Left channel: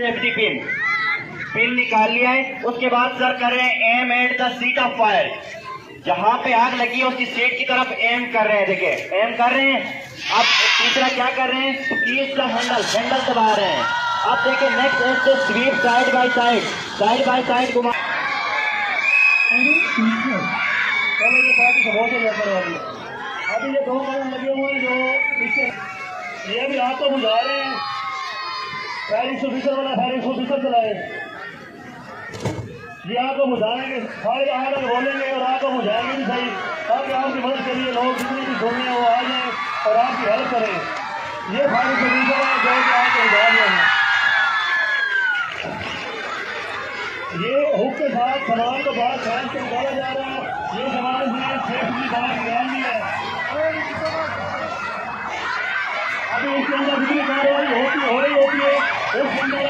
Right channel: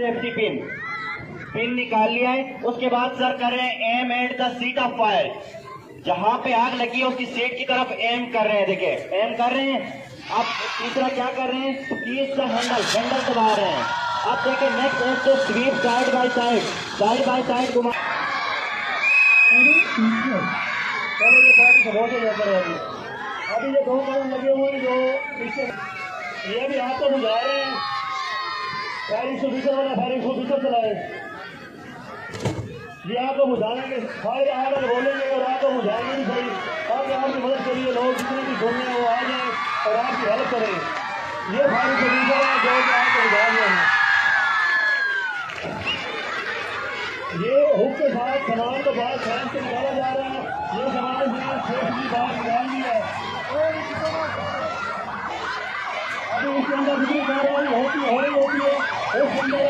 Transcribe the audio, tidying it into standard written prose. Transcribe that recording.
Safety pin निकाल लिया है। उसके बाद सर कर रहे हैं aim at the seat of fire, जहां पे आग लगी है उसकी सीट की तरफ एम कर रहे हैं। देखिए एम कर रहे हैं। अब तीसरा क्या कर रहे हैं, कीज का हैंडल दबा रहे हैं। अब देखिए नेक्स्ट है तो स्वीप साइड बाय साइड घुमा। अभी ये 2 कदम लगे हुए हैं जो इससे ये भी आपको बुझा रहे हैं। फायरिंग ऑफिसर वाला फायरिंग ऑफिसर चलाए, ये आपको बुझाएंगे, फायर आकर बोलेंगे और आपको बुझाएंगे भी सही, ताकि आपकी मदद के लिए लोग जितने भी सुनने हैं वो आ जाए और आपकी हेल्प करें। ये फायरिंग ऑफिसर है जो कि आपको बुझा रहे हैं। ये हुक के साथ सामान को बहुत ध्यान से निकाला जा रहा है। ये सामान में सेफ्टी बात निकालनी है। अभी इसके अंदर बिजली कार्रवाई हो रही होती है। उसके अंदर